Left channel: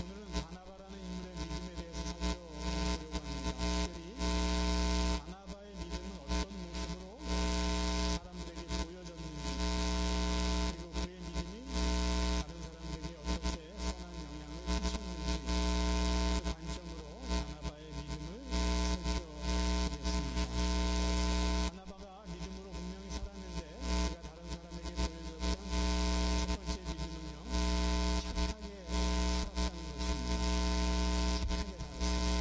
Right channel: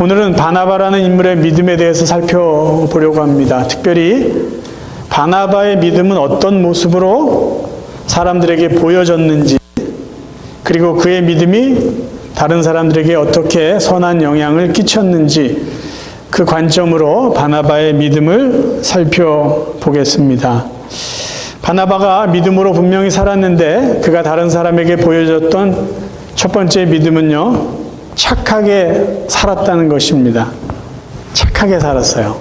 오늘은 바나바라는 인물의 믿음에 대해서 살펴보려고 합니다. 특별히 바나바의 믿음은 어떤 모습으로 사람들에게 보여졌는지, 그리고 그의 믿음이 다른 사람들에게 어떻게 선한 영향을 끼쳤는지, 그 관점으로 바나바의 믿음을 살펴보겠습니다. 바나바가 믿음으로 분명히 살았는데 그가 다른 사람에게 보여줬던 첫 번째 믿음은요, 착하게 살았다는 것입니다. 착하게 살았어요.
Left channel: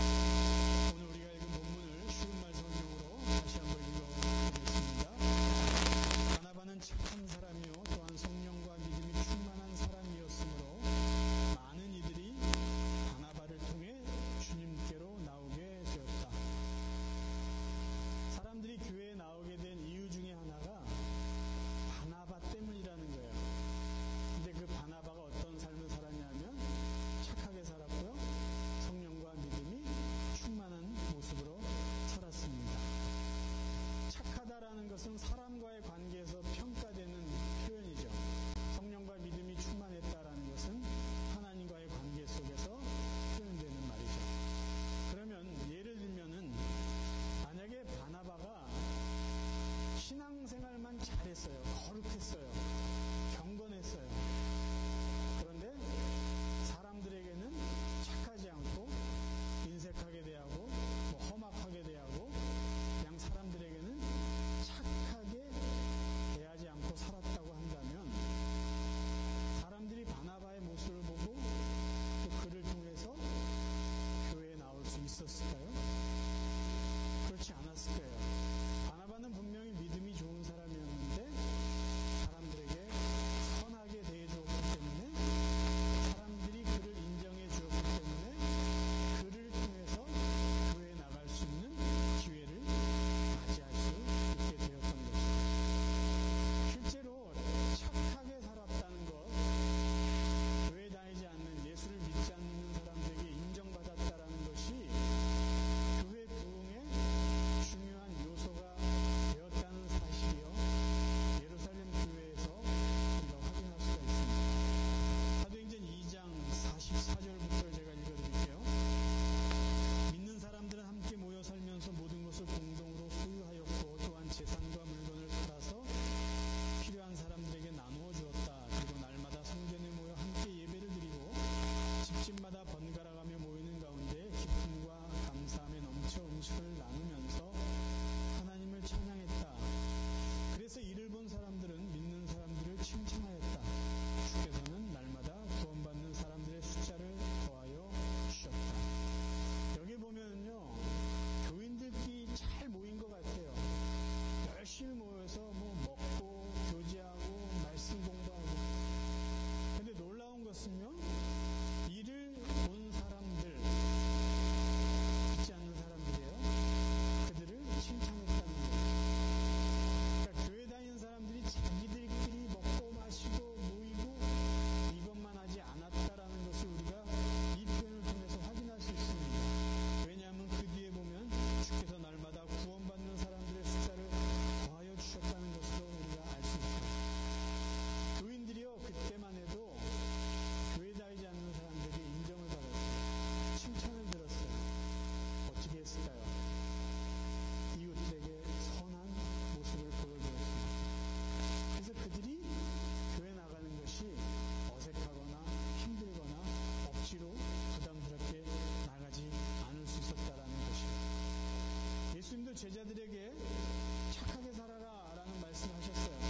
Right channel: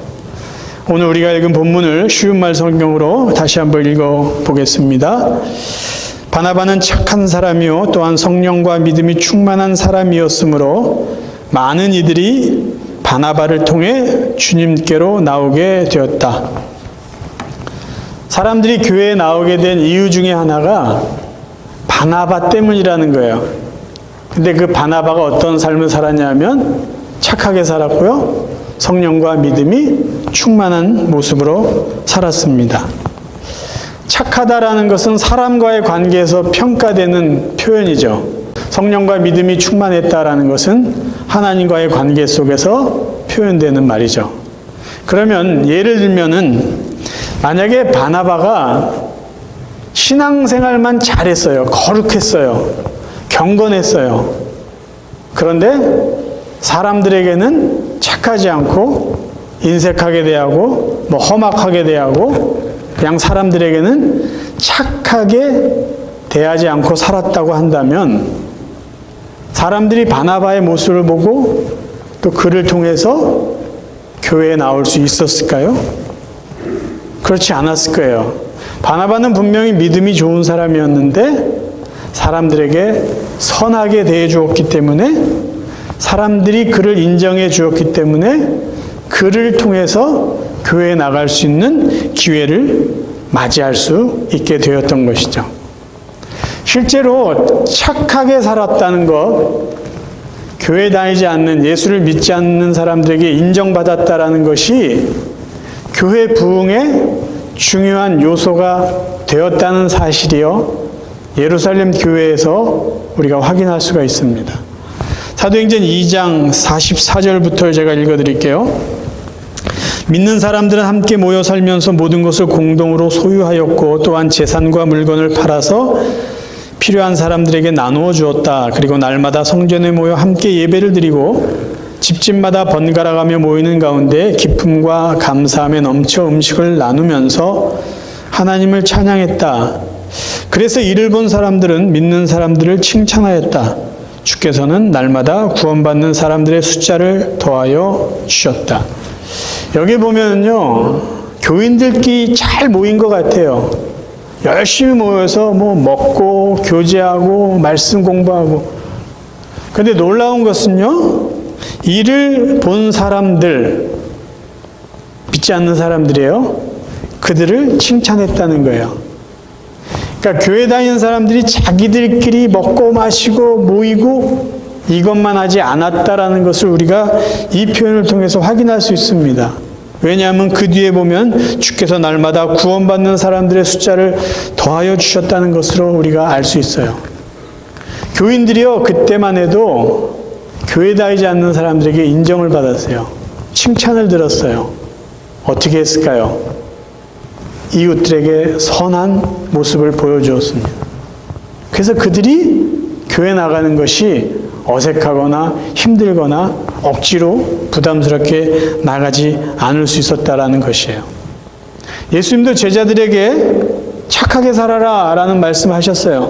오늘 우리가 읽은 본문을 쉬운 말 성경으로 다시 한번 읽어보겠습니다. 바나바는 착한 사람이요 또한 성령과 믿음이 충만한 사람이었으므로 많은 이들이 바나바를 통해 주님께로 나오게 되었다. 사람들이 교회에 나오게 된 이유 중에 하나가 바나바 때문이라는 거예요. 근데 그 바나바가 어떤 삶을 살았냐면 착하게 살았고요, 성령과 믿음이 충만한 모습으로 살았습니다. 착하다라는 것은 사람과의 관계에서 평가되는 표현이죠. 성령과 믿음이 충만했다라는 것은 하나님과의 관계 속에서 표현되는 말이죠. 그러면 예를 들면은 만약에 바나바가 신앙생활만 잘했어요. 거룩했어요. 경건했어요. 그런데 사람들에게는 착하지 않고 인색하게 대하고 험악하게 대하고 그냥 사람들에게는 착하게 대하지 않고 살았다고 한다면 사람들이 바나바의 모습을 보고 또 그를 통해서 교회에 나올 수 있었을까요? 그렇지 않았을 거예요. 바나바는 분명히 믿음이 좋은 사람이었는데 사람들에게 선하게 대해 주었기 때문에, 사람들이 그를 인정해 주었기 때문에 그를 통해서 교회에 나갈 수 있는 기회를 맞이할 수 있게 되었던 것이죠. 실제로 착하게 살았다는 것, 교회 다니지 않는, 예수를 믿지 않는 사람들에게 인정받았다라는 것이 교회 부흥의 중요한 요소가 되었다는 사실이요, 예루살렘 교회에서 우리가 확인할 수가 있습니다. 사도행전 2장 44절부터 제가 읽어드릴게요. 믿는 사람들은 함께 모여 살면서 모든 것을 공동으로 소유하였고 또한 재산과 물건을 팔아서 필요한 사람들에게 나누어 주었다. 그리고 날마다 성전에 모여 함께 예배를 드리고 집집마다 번갈아가며 모이는 가운데 기쁨과 감사함에 넘쳐 음식을 나누면서 하나님을 찬양했다. 그래서 이를 본 사람들은 믿는 사람들을 칭찬하였다. 주께서는 날마다 구원받는 사람들의 숫자를 더하여 주셨다. 여기 보면요, 교인들끼리 잘 모인 것 같아요. 열심히 모여서 먹고 교제하고 말씀 공부하고. 근데 놀라운 것은요, 이를 본 사람들, 믿지 않는 사람들이에요. 그들을 칭찬했다는 거예요. 그러니까 교회 다니는 사람들이 자기들끼리 먹고 마시고 모이고 이것만 하지 않았다라는 것을 우리가 이 표현을 통해서 확인할 수 있습니다. 왜냐하면 그 뒤에 보면 주께서 날마다 구원받는 사람들의 숫자를 더하여 주셨다는 것으로 우리가 알 수 있어요. 교인들이요, 그때만 해도 교회 다니지 않는 사람들에게 인정을 받았어요. 칭찬을 들었어요. 어떻게 했을까요? 이웃들에게 선한 모습을 보여주었습니다. 그래서 그들이 교회 나가는 것이 어색하거나 힘들거나 억지로 부담스럽게 나가지 않을 수 있었다라는 것이에요. 예수님도 제자들에게 착하게 살아라 라는 말씀하셨어요.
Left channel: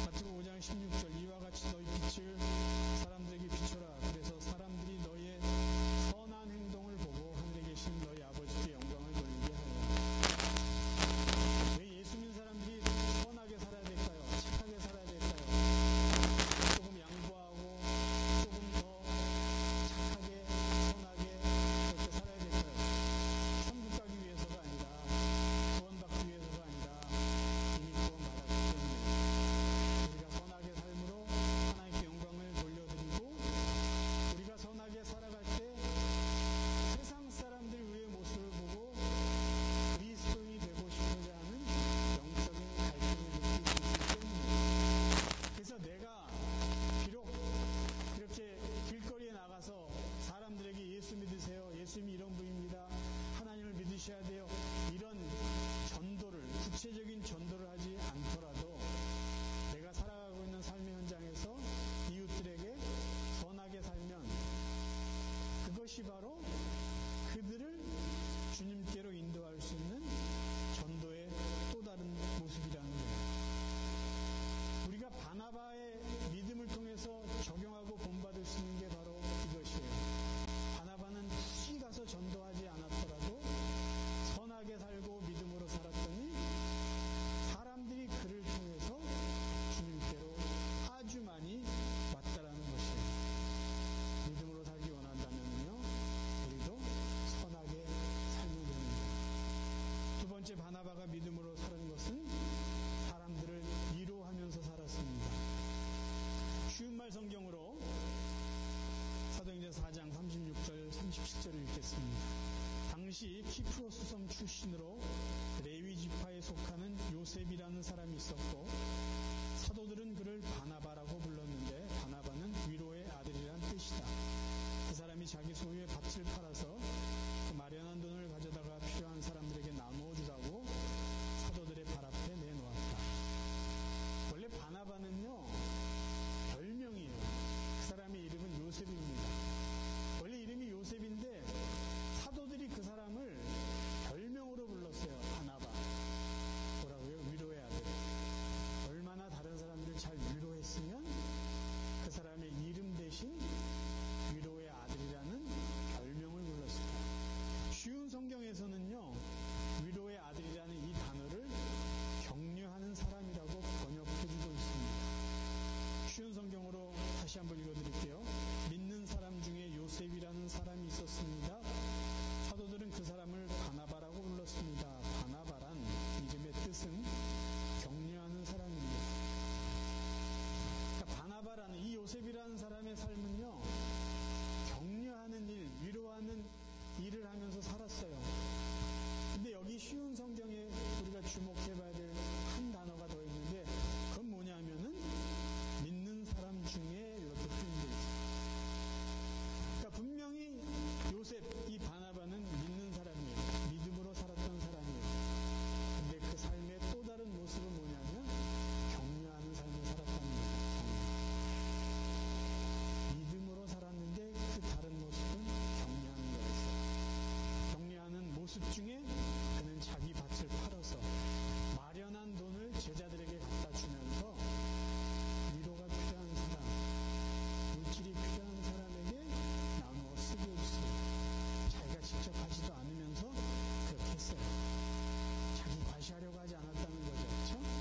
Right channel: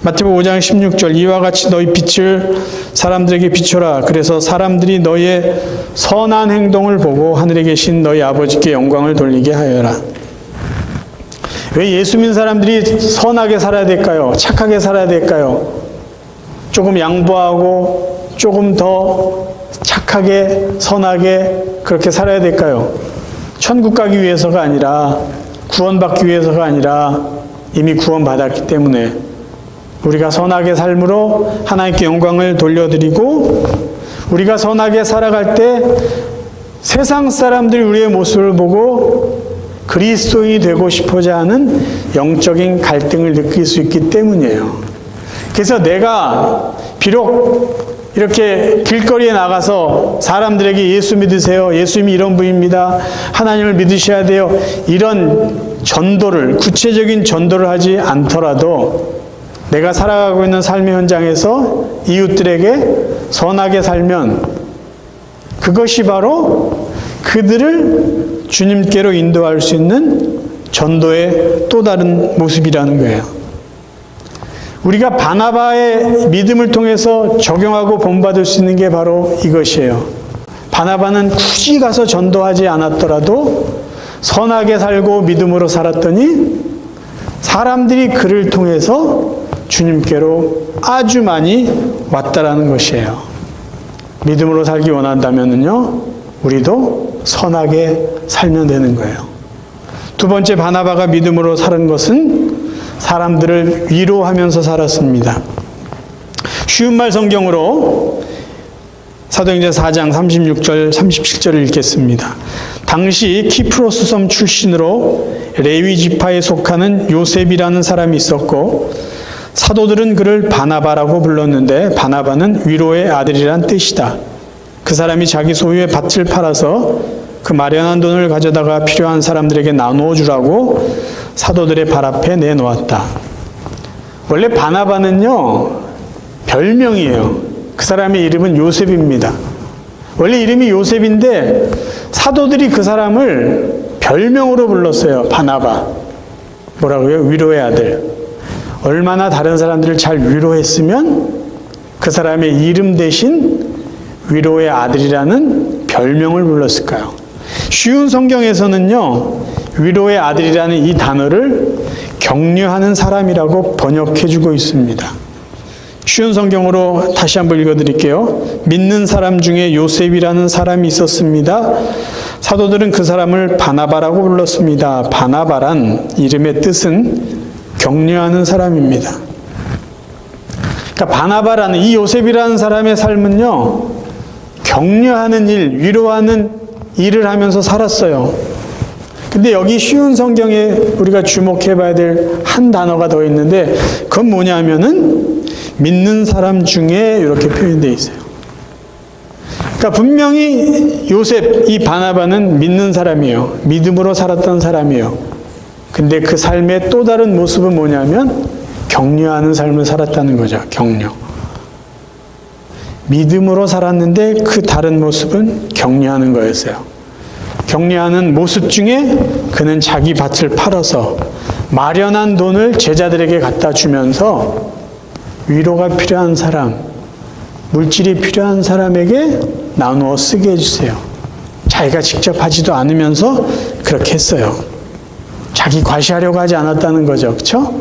마태복음 5장 16절, 이와 같이 너희 빛을 사람들에게 비춰라. 그래서 사람들이 너희의 선한 행동을 보고 하늘에 계신 너희 아버지께 영광을 돌리게 하여라. 왜 예수 믿는 사람들이 선하게 살아야 될까요? 착하게 살아야 될까요? 조금 양보하고 조금 더 착하게 선하게 그렇게 살아야 될까요? 천국 가기 위해서가 아니라, 구원받기 위해서가 아니라 이미 구원받았기 때문에 우리가 선하게 삶으로 하나님께 영광을 돌려드리고, 우리가 선하게 살아갈 때 세상 사람들이 우리의 모습을 보고 그리스도인이 되고 싶어자 하는 영적인 갈등을 느낄 수 있기 때문이에요. 그래서 내가 비록 이렇게 길거리에 나가서 사람들에게 예수 믿으세요. 예수님이 이런 분입니다. 하나님을 믿으셔야 돼요. 이런 전도를, 구체적인 전도를 하지 않더라도 내가 살아가고 있는 삶의 현장에서 이웃들에게 선하게 살면 그것이 바로 그들을 주님께로 인도할 수 있는 전도의 또 다른 모습이라는 거예요. 우리가 바나바의 믿음을 통해서 적용하고 본받을 수 있는 게 바로 이것이에요. 바나바는 굳이 가서 전도하지 않았더라도 선하게 살고 믿음으로 살았더니 사람들이 그를 통해서 주님께로 아주 많이 왔다라는 것이에요. 믿음으로 살기 원한다면요, 우리도 선하게 살면 되는 거예요. 두 번째, 바나바가 믿음으로 사는 것은 사람들을 위로하면서 살았습니다. 쉬운 말 성경으로 사도행전 4장 36절 37절을 읽겠습니다. 당시 키프로스 섬 출신으로 레위 지파에 속하는 요셉이라는 사람이 있었고 사도들은 그를 바나바라고 불렀는데 바나바는 위로의 아들이란 뜻이다. 그 사람이 자기 소유의 밭을 팔아서 그 마련한 돈을 가져다가 필요한 사람들에게 나누어 주라고 사도들의 발 앞에 내놓았다. 원래 바나바는요, 별명이에요. 그 사람의 이름은 요셉입니다. 원래 이름이 요셉인데 사도들이 그 사람을 별명으로 불렀어요. 바나바. 뭐라고요? 위로의 아들. 얼마나 다른 사람들을 잘 위로했으면 그 사람의 이름 대신 위로의 아들이라는 별명을 불렀을까요? 쉬운 성경에서는요, 위로의 아들이라는 이 단어를 격려하는 사람이라고 번역해주고 있습니다. 쉬운 성경으로 다시 한번 읽어드릴게요. 믿는 사람 중에 요셉이라는 사람이 있었습니다. 사도들은 그 사람을 바나바라고 불렀습니다. 바나바란 이름의 뜻은 격려하는 사람입니다. 그러니까 바나바라는 이 요셉이라는 사람의 삶은요, 격려하는 일, 위로하는 일을 하면서 살았어요. 근데 여기 쉬운 성경에 우리가 주목해 봐야 될 한 단어가 더 있는데 그건 뭐냐면은 믿는 사람 중에 이렇게 표현되어 있어요. 그러니까 분명히 요셉, 이 바나바는 믿는 사람이에요. 믿음으로 살았던 사람이에요. 근데 그 삶의 또 다른 모습은 뭐냐면 격려하는 삶을 살았다는 거죠. 격려. 믿음으로 살았는데 그 다른 모습은 격려하는 거였어요. 격려하는 모습 중에 그는 자기 밭을 팔아서 마련한 돈을 제자들에게 갖다 주면서 위로가 필요한 사람, 물질이 필요한 사람에게 나누어 쓰게 해주세요. 자기가 직접 하지도 않으면서 그렇게 했어요. 자기 과시하려고 하지 않았다는 거죠. 그렇죠?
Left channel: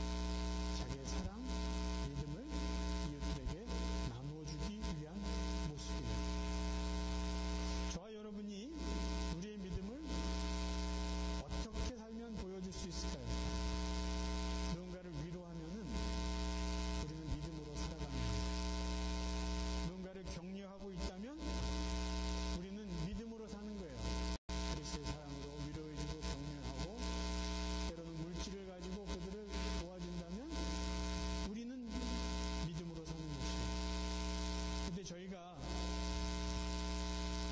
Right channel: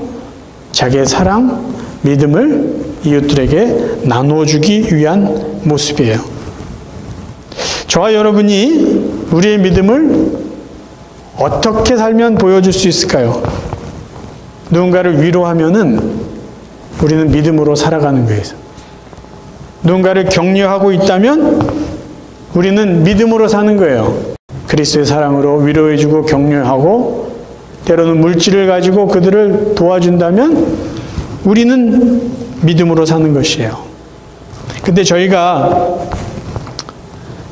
자기의 사랑, 믿음을 이웃들에게 나누어 주기 위한 모습이에요. 저와 여러분이 우리의 믿음을 어떻게 살면 보여줄 수 있을까요? 누군가를 위로하면은 우리는 믿음으로 살아가는 거예요. 누군가를 격려하고 있다면 우리는 믿음으로 사는 거예요. 그리스도의 사랑으로 위로해주고 격려하고 때로는 물질을 가지고 그들을 도와준다면 우리는 믿음으로 사는 것이에요. 근데 저희가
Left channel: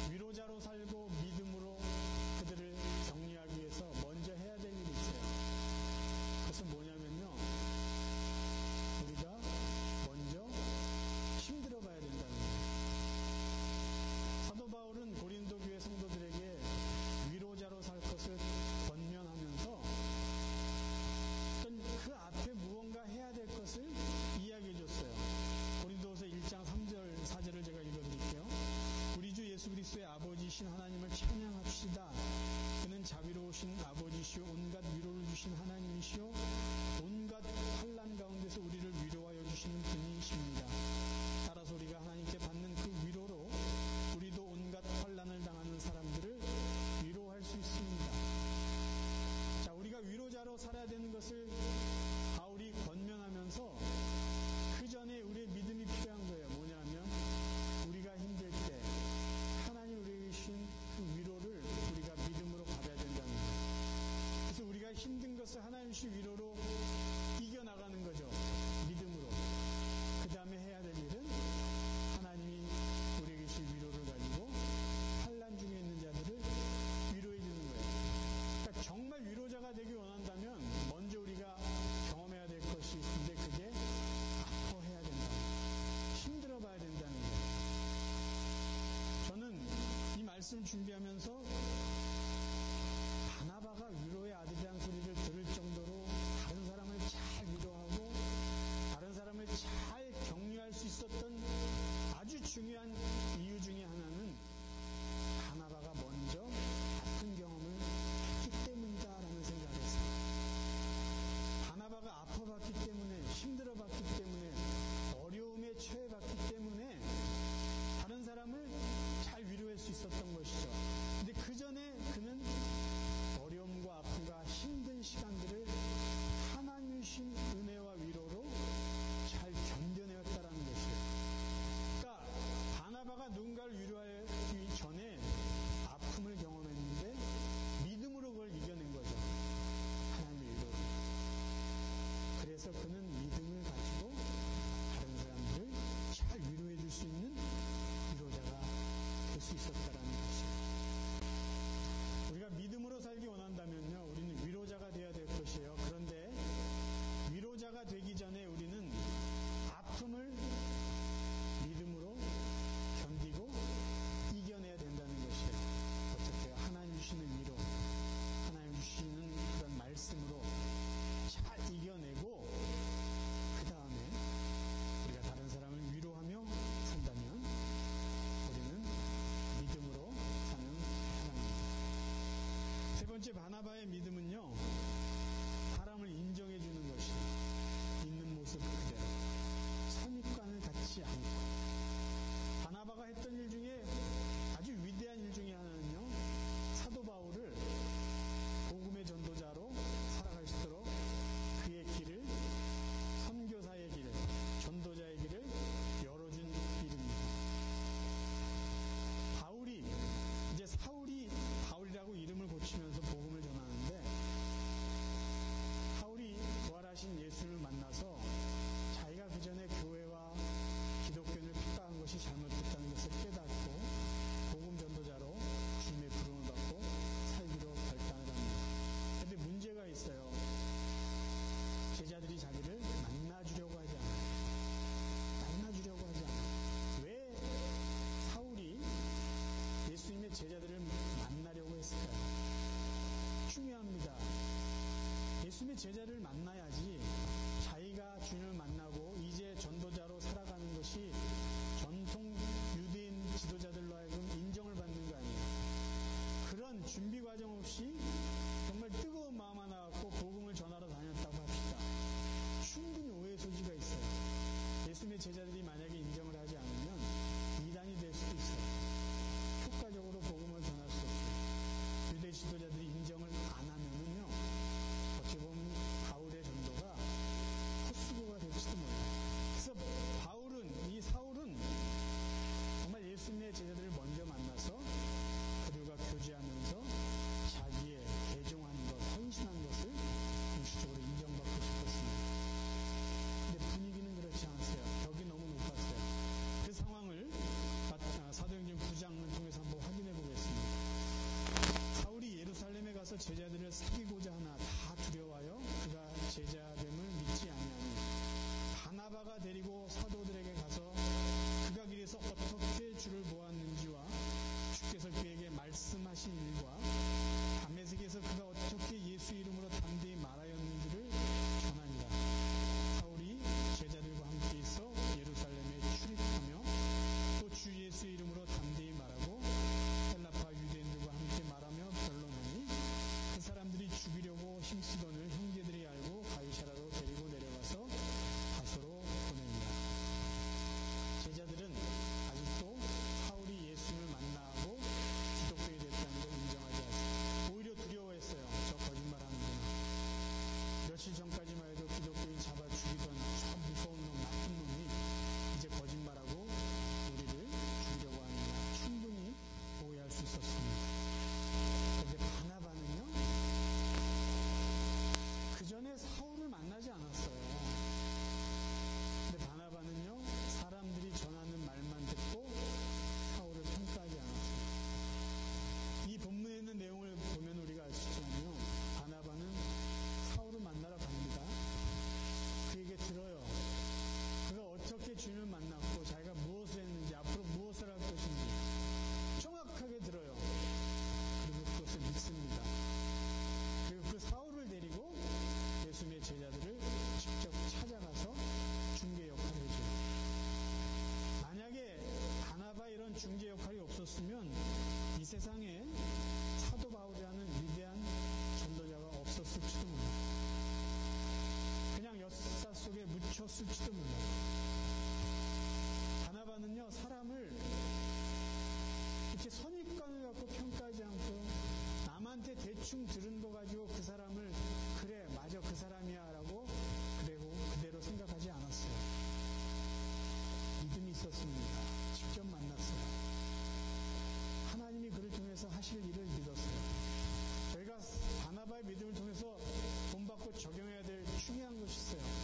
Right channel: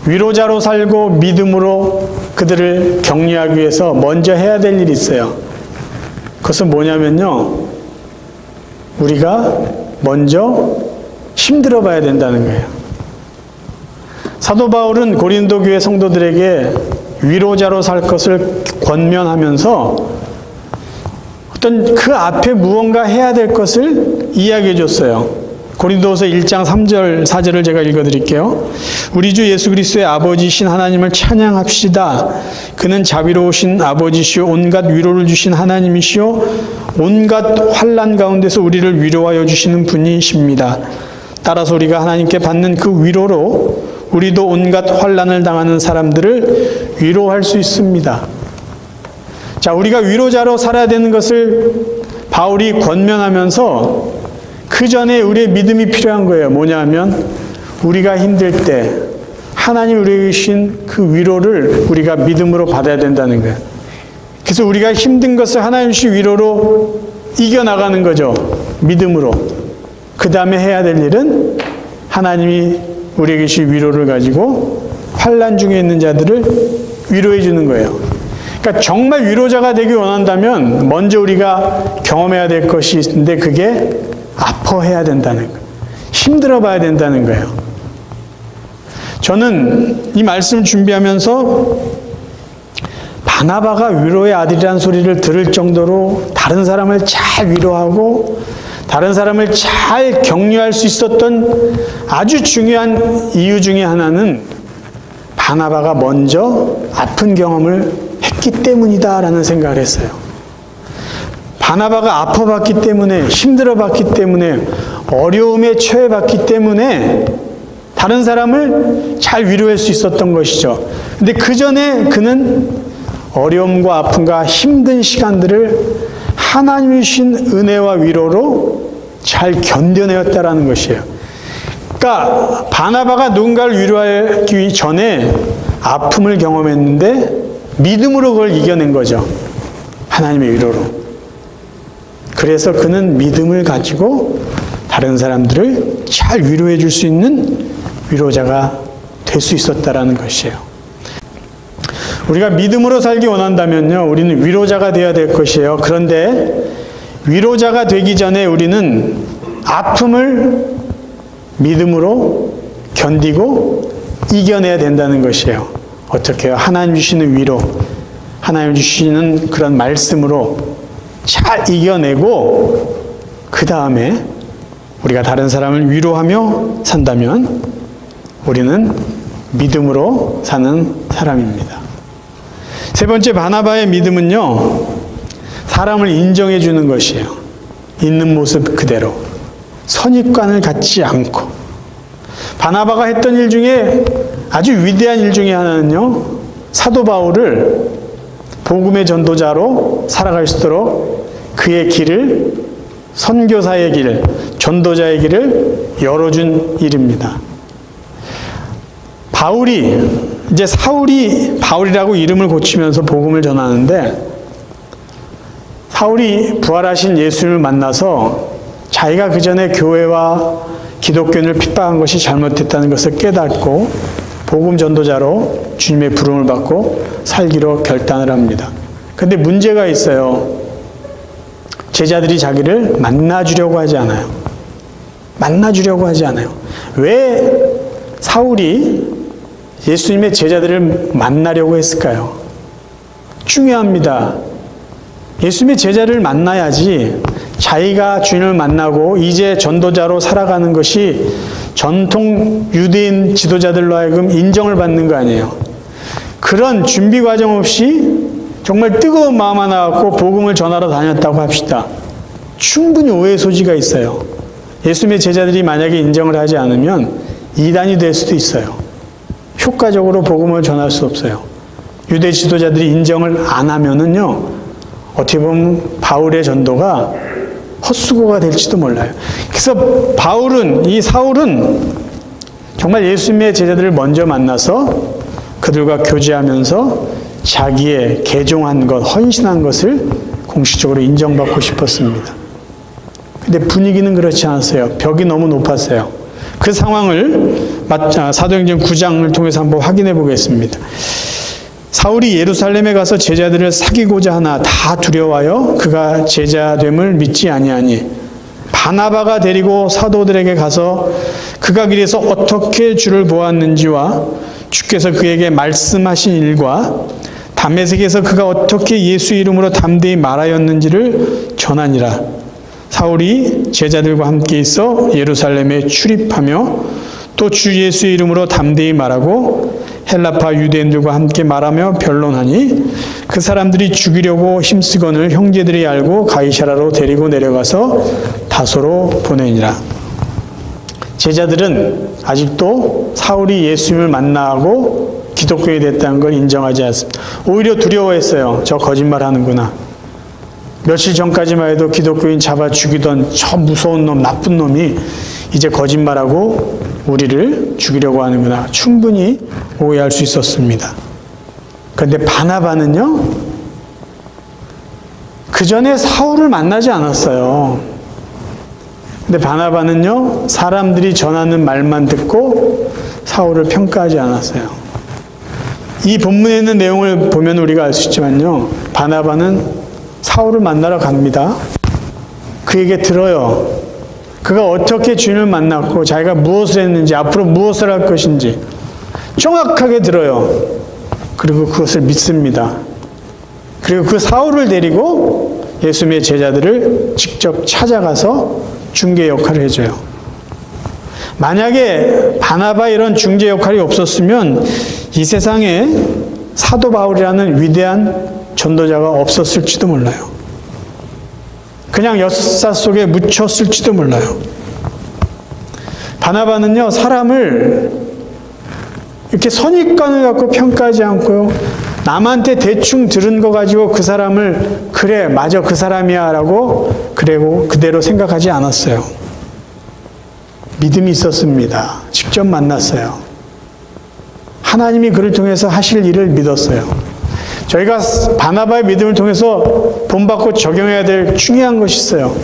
위로자로 살고 믿음으로 그들을 격려하기 위해서 먼저 해야 될 일이 있어요. 그것은 뭐냐면요, 우리가 먼저 힘들어 봐야 된다는 거예요. 사도 바울은 고린도 교회 성도들에게 위로자로 살 것을 권면하면서 어떤 그 앞에 무언가 해야 될 것을 이야기해 줬어요. 고린도후서 1장 3절 4절을 제가 읽어드릴게요. 우리 주 예수 그리스도의 아버지신 하나님을 찬양합시다. 그는 자비로우신 아버지시오 온갖 위로를 주신 하나님이시오 온갖 환난 가운데서 우리를 위로하여 주시는 분이십니다. 따라서 우리가 하나님께 받는 그 위로로 우리도 온갖 환난을 당하는 사람들을 위로할 수 있습니다. 자, 우리가 위로자로 살아야 되는 것을 바울이 권면하면서 그 전에 우리의 믿음이 필요한 거예요. 뭐냐 하면 우리가 힘들 때 하나님 우리에게 주신 그 위로를 우리가 믿음으로 받아야 된다는 거예요. 그래서 우리가 힘든 것을 하나님 주신 위로로 이겨나가는 거죠. 믿음으로. 그 다음에 해야 될 일은 하나님이 우리에게 주신 위로를 가지고 환난 중에 있는 자들을 위로해 주는 거예요. 그러니까 정말 위로자가 되기 원한다면 먼저 우리가 경험해야 될 것이 있는데 그게 아파해야 된다는 거예요. 힘들어 봐야 된다는 거예요. 저는 이 말씀을 준비하면서 바나바가 위로의 아들이라는 소리를 들을 정도로 다른 사람을 잘 위로하고 다른 사람을 잘 격려할 수 있었던 아주 중요한 이유 중에 하나는 바나바가 먼저 아픈 경험을 했기 때문이다라는 생각을 했어요. 바나바가 아파봤기 때문에, 힘들어봤기 때문에, 어려움에 처해봤기 때문에 다른 사람을 잘 위로할 수 있었던 것이죠. 근데 그 전에 그는 어려움과 아픔과 힘든 시간들을 하나님이 주신 은혜와 위로로 잘 견뎌내었다라는 것이에요. 그러니까 바나바가 누군가를 위로하기 전에 아픔을 경험했는데 믿음으로 그걸 이겨낸 거죠. 하나님의 위로로. 그래서 그는 믿음을 가지고 다른 사람들을 잘 위로해 줄 수 있는 위로자가 될 수 있었다라는 것이에요. 우리가 믿음으로 살기 원한다면요, 우리는 위로자가 되어야 될 것이에요. 그런데 위로자가 되기 전에 우리는 아픔을 믿음으로 견디고 이겨내야 된다는 것이에요. 어떻게 해요? 하나님 주시는 위로, 하나님 주시는 그런 말씀으로 잘 이겨내고 그 다음에 우리가 다른 사람을 위로하며 산다면 우리는 믿음으로 사는 사람입니다. 세 번째, 바나바의 믿음은요, 사람을 인정해 주는 것이에요. 있는 모습 그대로. 선입관을 갖지 않고. 바나바가 했던 일 중에 아주 위대한 일 중에 하나는요, 사도 바울을 복음의 전도자로 살아갈 수 있도록 그의 길을, 선교사의 길, 전도자의 길을 열어준 일입니다. 바울이, 이제 사울이 바울이라고 이름을 고치면서 복음을 전하는데, 사울이 부활하신 예수님을 만나서 자기가 그 전에 교회와 기독교인을 핍박한 것이 잘못됐다는 것을 깨닫고 복음 전도자로 주님의 부름을 받고 살기로 결단을 합니다. 그런데 문제가 있어요. 제자들이 자기를 만나주려고 하지 않아요. 만나주려고 하지 않아요. 왜 사울이 예수님의 제자들을 만나려고 했을까요? 중요합니다. 예수님의 제자를 만나야지 자기가 주님을 만나고 이제 전도자로 살아가는 것이 전통 유대인 지도자들로 하여금 인정을 받는 거 아니에요. 그런 준비 과정 없이 정말 뜨거운 마음 하나 갖고 복음을 전하러 다녔다고 합시다. 충분히 오해의 소지가 있어요. 예수님의 제자들이 만약에 인정을 하지 않으면 이단이 될 수도 있어요. 효과적으로 복음을 전할 수 없어요. 유대 지도자들이 인정을 안 하면은요, 어떻게 보면 바울의 전도가 헛수고가 될지도 몰라요. 그래서 이 사울은 정말 예수님의 제자들을 먼저 만나서 그들과 교제하면서 자기의 개종한 것, 헌신한 것을 공식적으로 인정받고 싶었습니다. 근데 분위기는 그렇지 않았어요. 벽이 너무 높았어요. 그 상황을 사도행전 9장을 통해서 한번 확인해 보겠습니다. 사울이 예루살렘에 가서 제자들을 사귀고자 하나 다 두려워하여 그가 제자됨을 믿지 아니하니 바나바가 데리고 사도들에게 가서 그가 길에서 어떻게 주를 보았는지와 주께서 그에게 말씀하신 일과 다메섹에서 그가 어떻게 예수 이름으로 담대히 말하였는지를 전하니라. 사울이 제자들과 함께 있어 예루살렘에 출입하며 또 주 예수의 이름으로 담대히 말하고 헬라파 유대인들과 함께 말하며 변론하니 그 사람들이 죽이려고 힘쓰거늘 형제들이 알고 가이사라로 데리고 내려가서 다소로 보내니라. 제자들은 아직도 사울이 예수님을 만나고 기독교인이 됐다는 걸 인정하지 않습니다. 오히려 두려워했어요. 저 거짓말하는구나. 며칠 전까지만 해도 기독교인 잡아 죽이던 저 무서운 놈, 나쁜 놈이 이제 거짓말하고 우리를 죽이려고 하는구나. 충분히 오해할 수 있었습니다. 그런데 바나바는요, 그 전에 사울을 만나지 않았어요. 근데 바나바는요, 사람들이 전하는 말만 듣고 사울을 평가하지 않았어요. 이 본문에 있는 내용을 보면 우리가 알 수 있지만요, 바나바는 사울을 만나러 갑니다. 그에게 들어요. 그가 어떻게 주님을 만났고 자기가 무엇을 했는지, 앞으로 무엇을 할 것인지 정확하게 들어요. 그리고 그것을 믿습니다. 그리고 그 사울을 데리고 예수님의 제자들을 직접 찾아가서 중개 역할을 해줘요. 만약에 바나바 이런 중재 역할이 없었으면 이 세상에 사도 바울이라는 위대한 전도자가 없었을지도 몰라요. 그냥 역사 속에 묻혔을지도 몰라요. 바나바는요, 사람을 이렇게 선입관을 갖고 평가하지 않고요, 남한테 대충 들은 거 가지고 그 사람을 그래, 맞아, 그 사람이야 라고 그대로 생각하지 않았어요. 믿음이 있었습니다. 직접 만났어요. 하나님이 그를 통해서 하실 일을 믿었어요. 저희가 바나바의 믿음을 통해서 본받고 적용해야 될 중요한 것이 있어요.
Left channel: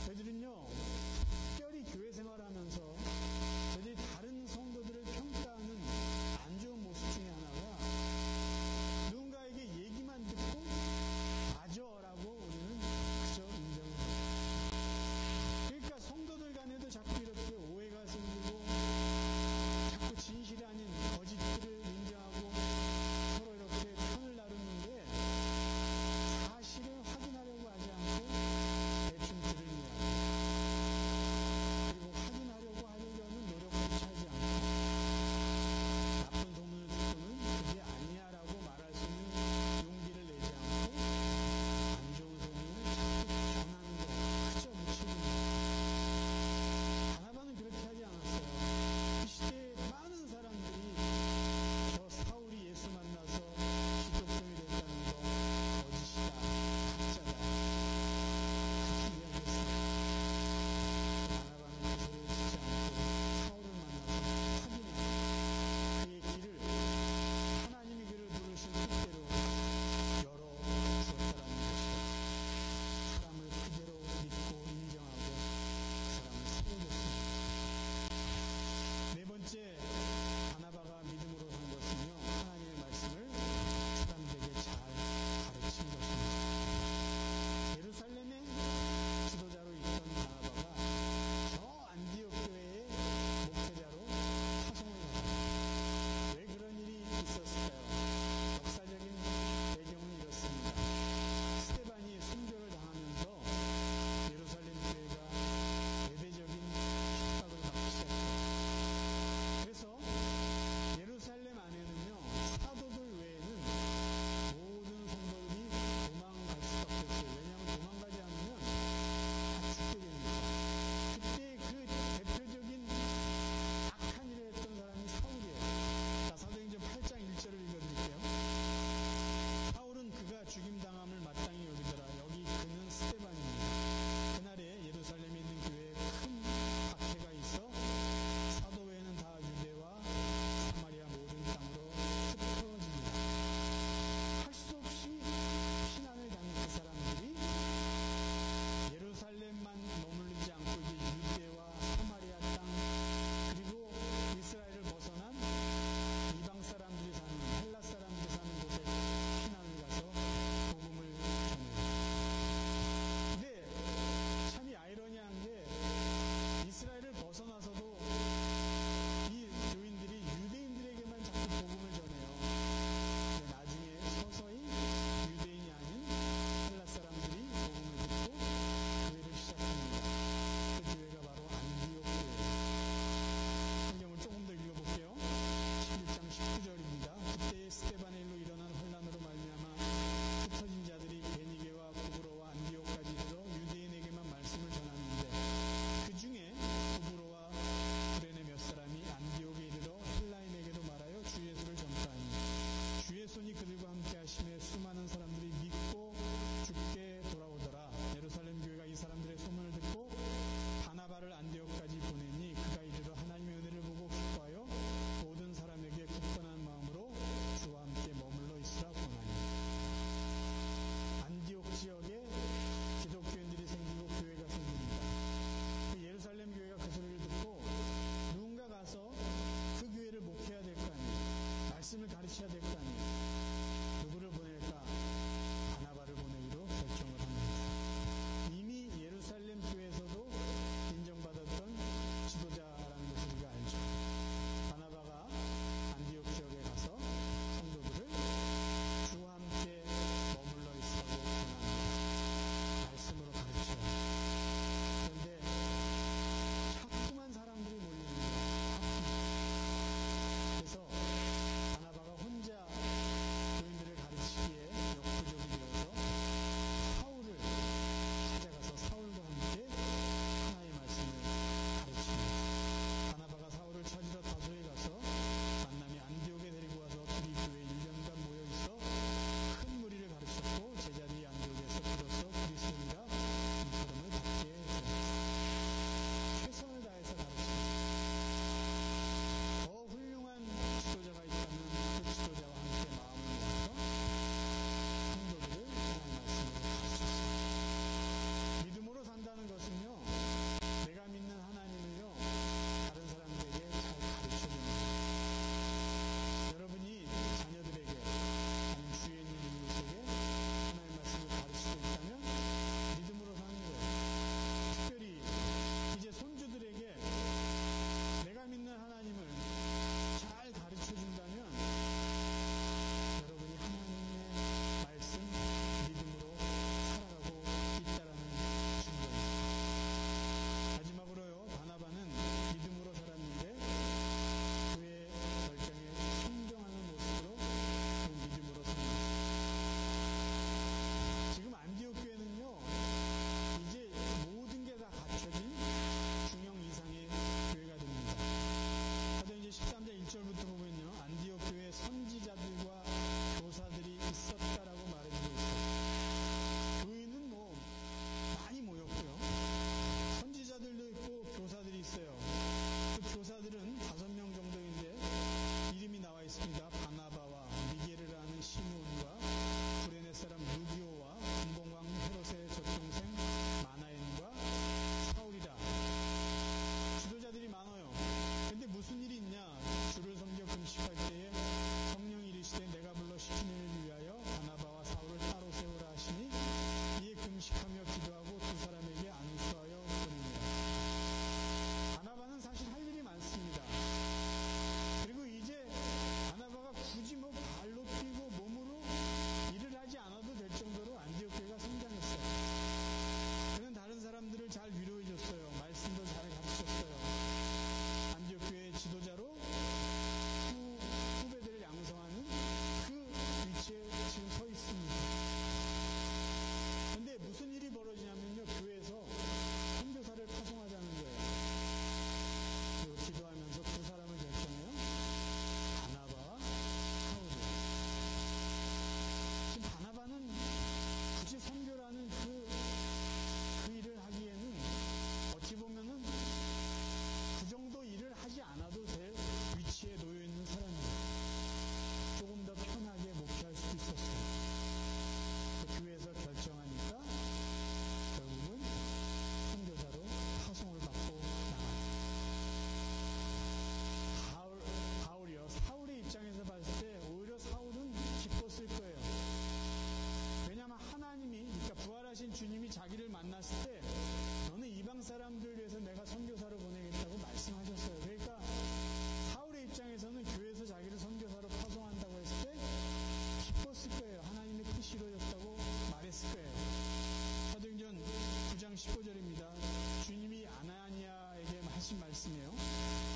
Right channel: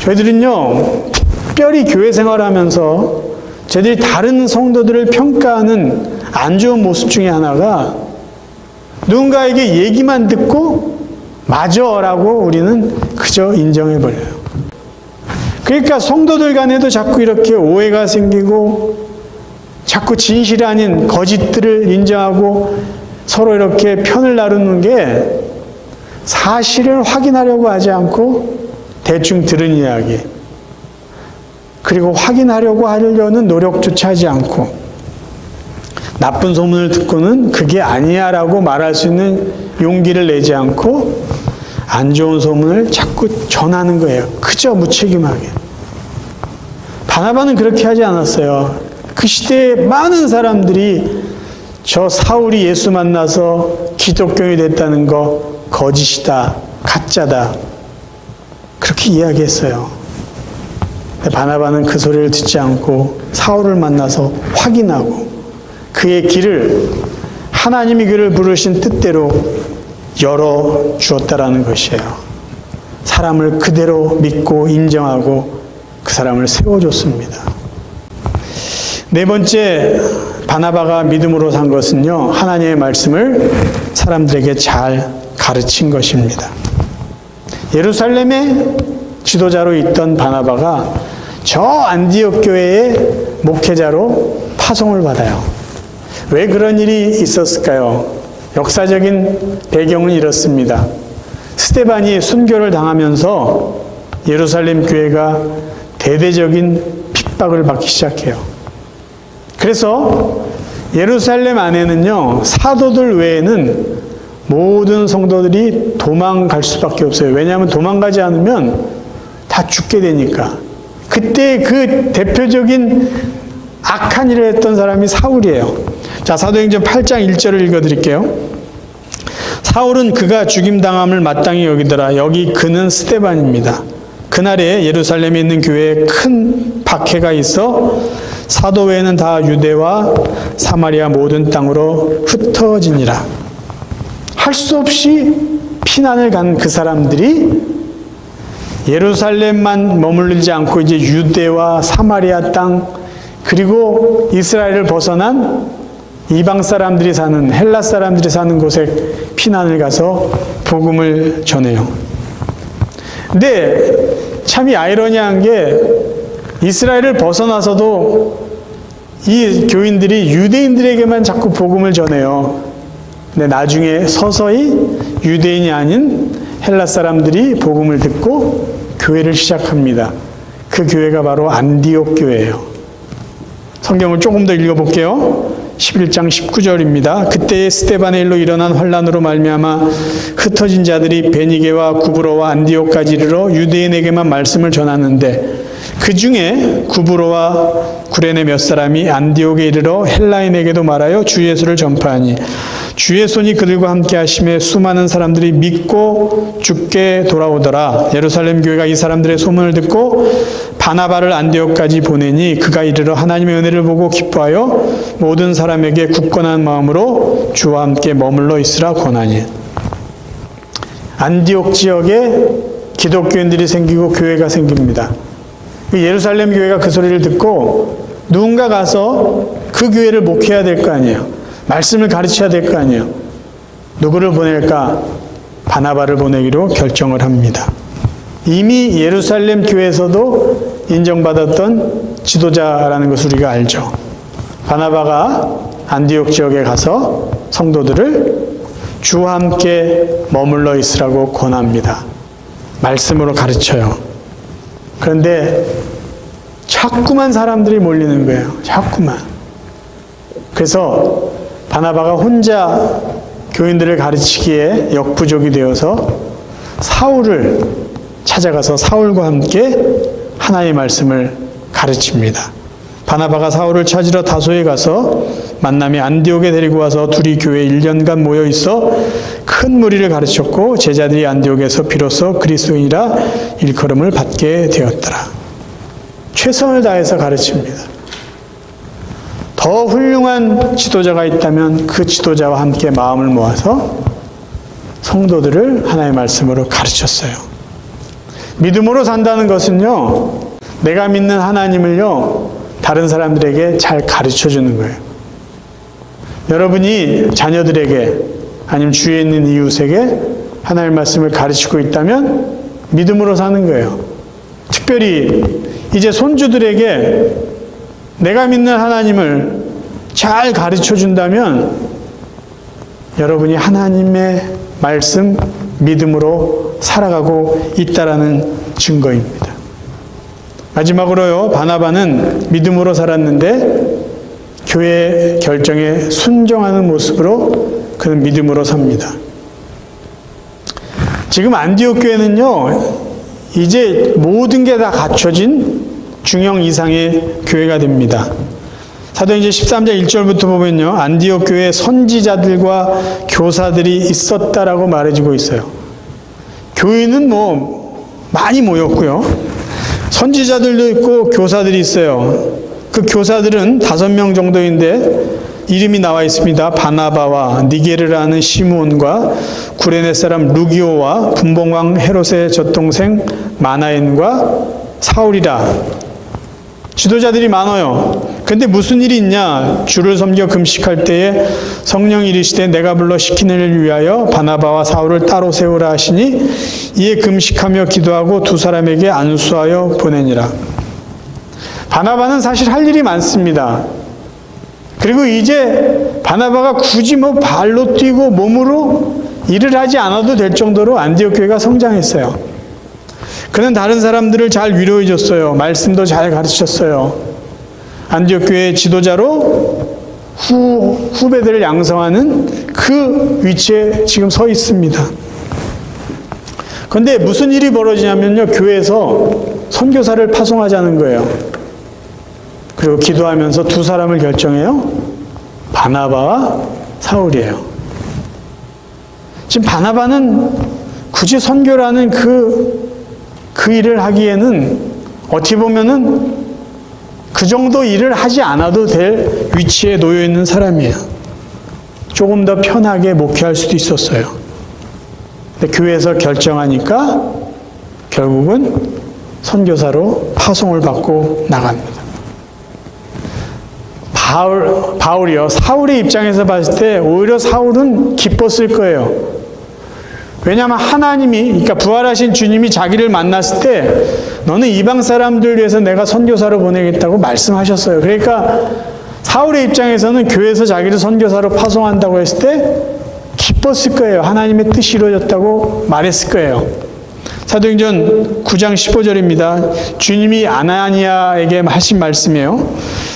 저희들은요, 특별히 교회 생활하면서 저희들이 다른 성도들을 평가하는 안 좋은 모습 중에 하나가 누군가에게 얘기만 듣고 맞아라고 우리는 그저 인정해버려요. 그러니까 성도들 간에도 자꾸 이렇게 오해가 생기고 자꾸 진실이 아닌 거짓들을 인정하고 서로 이렇게 편을 나누는 게 사실을 확인하려고 하지 않고 대충 들은 이야기, 그리고 확인하려고 하려는 노력조차 하지 않고 나쁜 소문을 듣고는 그게 아니야 라고 말할 수 있는 용기를 내지 않고 안 좋은 소문을 자꾸 전하는 거예요. 그저 무책임하게. 바나바는 그렇게 하지 않았어요. 그 시대에 많은 사람들이 저 사울이 예수 만나서 기독교인이 됐다는 거 거짓이다, 가짜다, 그렇게 이야기했어요. 근데 바나바는 그 소리를 듣지 않고 사울을 만나서 확인하고 그의 길을, 하나님이 그를 부르신 뜻대로 열어 주었다라는 것이에요. 사람을 그대로 믿고 인정하고 그 사람을 세워줬습니다. 네 번째, 바나바가 믿음으로 산 것은요, 하나님의 말씀을 사람들에게 잘 가르친 것입니다. 예루살렘의 지도자로 있던 바나바가 저 안디옥 교회의 목회자로 파송을 받아요. 왜 그런 일이 있었을까요? 역사적인 배경은 이렇습니다. 스데반이 순교를 당하면서 예루살렘 교회가 대대적인 핍박을 받기 시작해요. 그래서 예루살렘 안에는요, 사도들 외에는 모든 성도들이 도망갈 수밖에 없어요. 왜냐하면 도망가지 않으면 다 죽게 되니까. 그때 그 대표적인 악한 일을 했던 사람이 사울이에요. 자, 사도행전 8장 1절을 읽어드릴게요. 사울은 그가 죽임당함을 마땅히 여기더라. 여기 그는 스데반입니다. 그날에 예루살렘에 있는 교회에 큰 박해가 있어 사도 외에는 다 유대와 사마리아 모든 땅으로 흩어지니라. 할 수 없이 피난을 간 그 사람들이 예루살렘만 머물지 않고 이제 유대와 사마리아 땅, 그리고 이스라엘을 벗어난 이방 사람들이 사는, 헬라 사람들이 사는 곳에 피난을 가서 복음을 전해요. 근데 참이 아이러니한 게 이스라엘을 벗어나서도 이 교인들이 유대인들에게만 자꾸 복음을 전해요. 근데 나중에 서서히 유대인이 아닌 헬라 사람들이 복음을 듣고 교회를 시작합니다. 그 교회가 바로 안디옥 교회예요. 성경을 조금 더 읽어볼게요. 11장 19절입니다. 그때의 스데반의 일로 일어난 환란으로 말미암아 흩어진 자들이 베니게와 구브로와 안디옥까지 이르러 유대인에게만 말씀을 전하는데 그 중에 구브로와 구레네 몇 사람이 안디옥에 이르러 헬라인에게도 말하여 주 예수를 전파하니 주의 손이 그들과 함께 하심에 수많은 사람들이 믿고 주께 돌아오더라. 예루살렘 교회가 이 사람들의 소문을 듣고 바나바를 안디옥까지 보내니 그가 이르러 하나님의 은혜를 보고 기뻐하여 모든 사람에게 굳건한 마음으로 주와 함께 머물러 있으라 권하니. 안디옥 지역에 기독교인들이 생기고 교회가 생깁니다. 예루살렘 교회가 그 소리를 듣고 누군가 가서 그 교회를 목회해야 될 거 아니에요. 말씀을 가르쳐야 될 거 아니에요. 누구를 보낼까? 바나바를 보내기로 결정을 합니다. 이미 예루살렘 교회에서도 인정받았던 지도자라는 것을 우리가 알죠. 바나바가 안디옥 지역에 가서 성도들을 주와 함께 머물러 있으라고 권합니다. 말씀으로 가르쳐요. 그런데 자꾸만 사람들이 몰리는 거예요. 자꾸만. 그래서 바나바가 혼자 교인들을 가르치기에 역부족이 되어서 사울을 찾아가서 사울과 함께 하나님의 말씀을 가르칩니다. 바나바가 사울을 찾으러 다소에 가서 만남이 안디옥에 데리고 와서 둘이 교회에 1년간 모여 있어 큰 무리를 가르쳤고 제자들이 안디옥에서 비로소 그리스도인이라 일컬음을 받게 되었더라. 최선을 다해서 가르칩니다. 더 훌륭한 지도자가 있다면 그 지도자와 함께 마음을 모아서 성도들을 하나님의 말씀으로 가르쳤어요. 믿음으로 산다는 것은요, 내가 믿는 하나님을요, 다른 사람들에게 잘 가르쳐 주는 거예요. 여러분이 자녀들에게 아니면 주위에 있는 이웃에게 하나님의 말씀을 가르치고 있다면 믿음으로 사는 거예요. 특별히 이제 손주들에게 내가 믿는 하나님을 잘 가르쳐 준다면 여러분이 하나님의 말씀 믿음으로 살아가고 있다라는 증거입니다. 마지막으로요, 바나바는 믿음으로 살았는데 교회의 결정에 순종하는 모습으로 그는 믿음으로 삽니다. 지금 안디옥 교회는요, 이제 모든 게 다 갖춰진 중형 이상의 교회가 됩니다. 사도행전 13장 1절부터 보면요, 안디옥 교회에 선지자들과 교사들이 있었다라고 말해주고 있어요. 교회는 많이 모였고요. 선지자들도 있고 교사들이 있어요. 그 교사들은 5명 정도인데 이름이 나와 있습니다. 바나바와 니게르라는 시므온과 구레네 사람 루기오와 분봉왕 헤롯의 젖동생 마나엔과 사울이라. 지도자들이 많아요. 근데 무슨 일이 있냐? 주를 섬겨 금식할 때에 성령이 이르시되 내가 불러 시키는 일을 위하여 바나바와 사울을 따로 세우라 하시니 이에 금식하며 기도하고 두 사람에게 안수하여 보내니라. 바나바는 사실 할 일이 많습니다. 그리고 이제 바나바가 굳이 발로 뛰고 몸으로 일을 하지 않아도 될 정도로 안디옥 교회가 성장했어요. 그는 다른 사람들을 잘 위로해 줬어요. 말씀도 잘 가르쳤어요. 안디옥 교회의 지도자로 후배들을 양성하는 그 위치에 지금 서 있습니다. 그런데 무슨 일이 벌어지냐면요, 교회에서 선교사를 파송하자는 거예요. 그리고 기도하면서 두 사람을 결정해요. 바나바와 사울이에요. 지금 바나바는 굳이 선교라는 그 일을 하기에는 어떻게 보면은 그 정도 일을 하지 않아도 될 위치에 놓여 있는 사람이에요. 조금 더 편하게 목회할 수도 있었어요. 근데 교회에서 결정하니까 결국은 선교사로 파송을 받고 나갑니다. 바울이요. 사울의 입장에서 봤을 때 오히려 사울은 기뻤을 거예요. 왜냐하면 하나님이, 그러니까 부활하신 주님이 자기를 만났을 때 너는 이방 사람들 위해서 내가 선교사로 보내겠다고 말씀하셨어요. 그러니까 사울의 입장에서는 교회에서 자기를 선교사로 파송한다고 했을 때 기뻤을 거예요. 하나님의 뜻이 이루어졌다고 말했을 거예요. 사도행전 9장 15절입니다. 주님이 아나니아에게 하신 말씀이에요.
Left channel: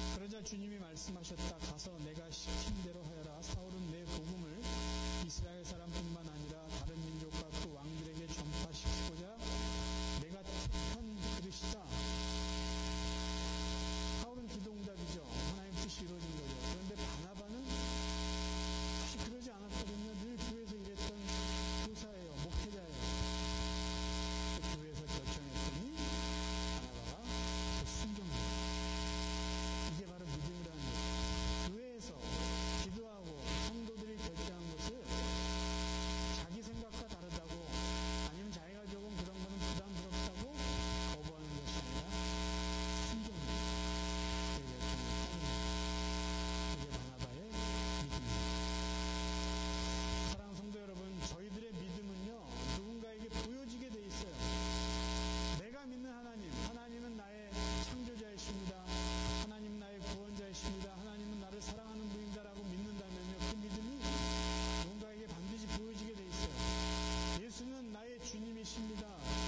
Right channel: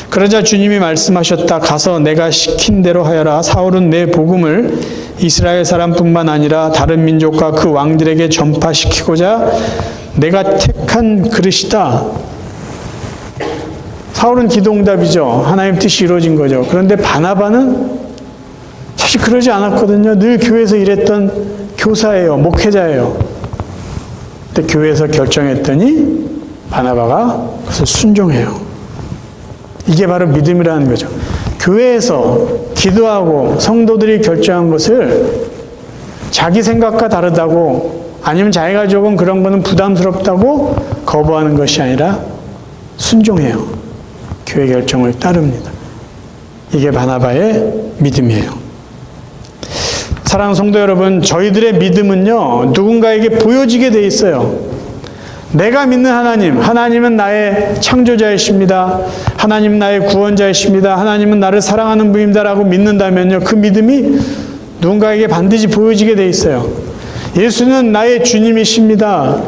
그러자 주님이 말씀하셨다. 가서 내가 시킨 대로 하여라. 사울은 내 복음을 이스라엘 사람뿐만 아니라 다른 민족과 그 왕들에게 전파시키고자 내가 택한 그릇이다. 사울은 기도응답이죠. 하나님 뜻이 이루어진 거죠. 그런데 바나바는 사실 그러지 않았거든요. 늘 교회에서 일했던 교사예요. 목회자예요. 근데 교회에서 결정했더니 바나바가 그것을 순종해요. 이게 바로 믿음이라는 거죠. 교회에서 기도하고 성도들이 결정한 것을 자기 생각과 다르다고 아니면 자기가 조금 그런 거는 부담스럽다고 거부하는 것이 아니라 순종해요. 교회 결정을 따릅니다. 이게 바나바의 믿음이에요. 사랑하는 성도 여러분, 저희들의 믿음은요, 누군가에게 보여지게 돼 있어요. 내가 믿는 하나님, 하나님은 나의 창조자이십니다. 하나님은 나의 구원자이십니다. 하나님은 나를 사랑하는 분입니다라고 믿는다면요, 그 믿음이 누군가에게 반드시 보여지게 돼 있어요. 예수는 나의 주님이십니다.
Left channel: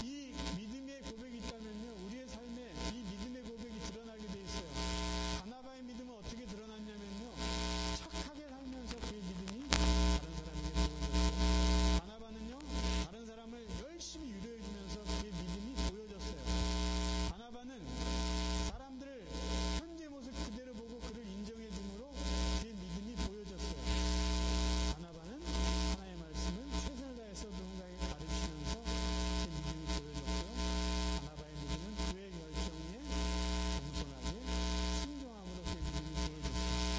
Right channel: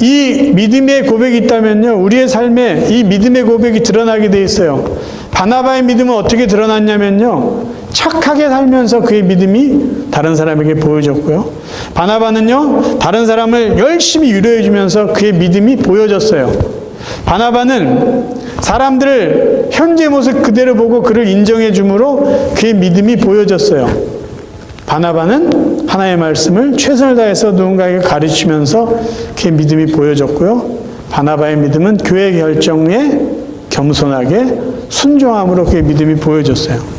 이 믿음의 고백이 있다면요, 우리의 삶에 이 믿음의 고백이 드러나게 돼 있어요. 바나바의 믿음은 어떻게 드러났냐면요, 착하게 살면서 그의 믿음이 다른 사람에게 보여졌고요. 바나바는요, 다른 사람을 열심히 위로해 주면서 그의 믿음이 보여졌어요. 바나바는 사람들을 현재 모습 그대로 보고 그를 인정해 주므로 그의 믿음이 보여졌어요. 바나바는 하나의 말씀을 최선을 다해서 누군가에게 가르치면서 그의 믿음이 보여졌고요. 바나바의 믿음은 교회 결정에 겸손하게 순종함으로 그의 믿음이 보여졌어요.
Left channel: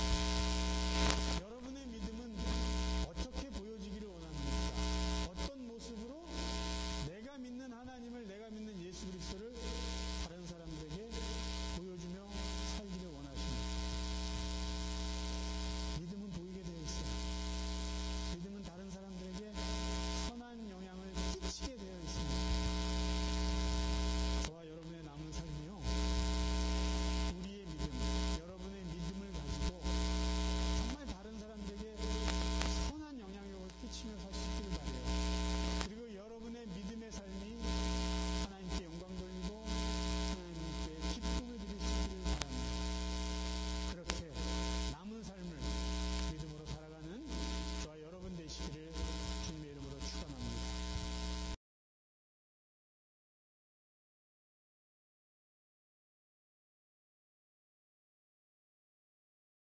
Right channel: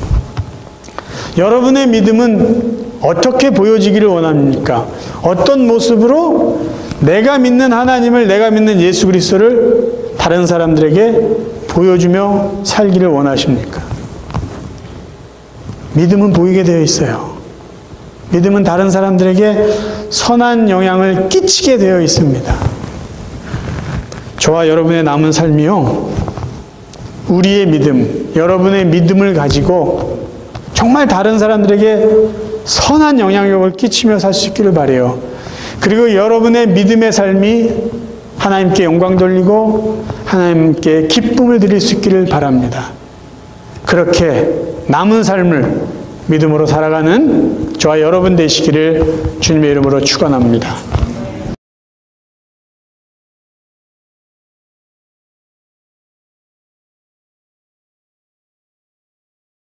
여러분의 믿음은 어떻게 보여지기를 원합니까? 어떤 모습으로 내가 믿는 하나님을, 내가 믿는 예수 그리스도를 다른 사람들에게 보여주며 살기를 원하십니까? 믿음은 보이게 되어 있어요. 믿음은 다른 사람들에게 선한 영향을 끼치게 되어 있습니다. 저와 여러분의 남은 삶이요, 우리의 믿음, 여러분의 믿음을 가지고 정말 다른 사람들에게 선한 영향력을 끼치며 살 수 있기를 바라요. 그리고 여러분의 믿음의 삶이 하나님께 영광 돌리고 하나님께 기쁨을 드릴 수 있기를 바랍니다. 그렇게 남은 삶을 믿음으로 살아가는 저와 여러분 되시기를 주님의 이름으로 축원합니다.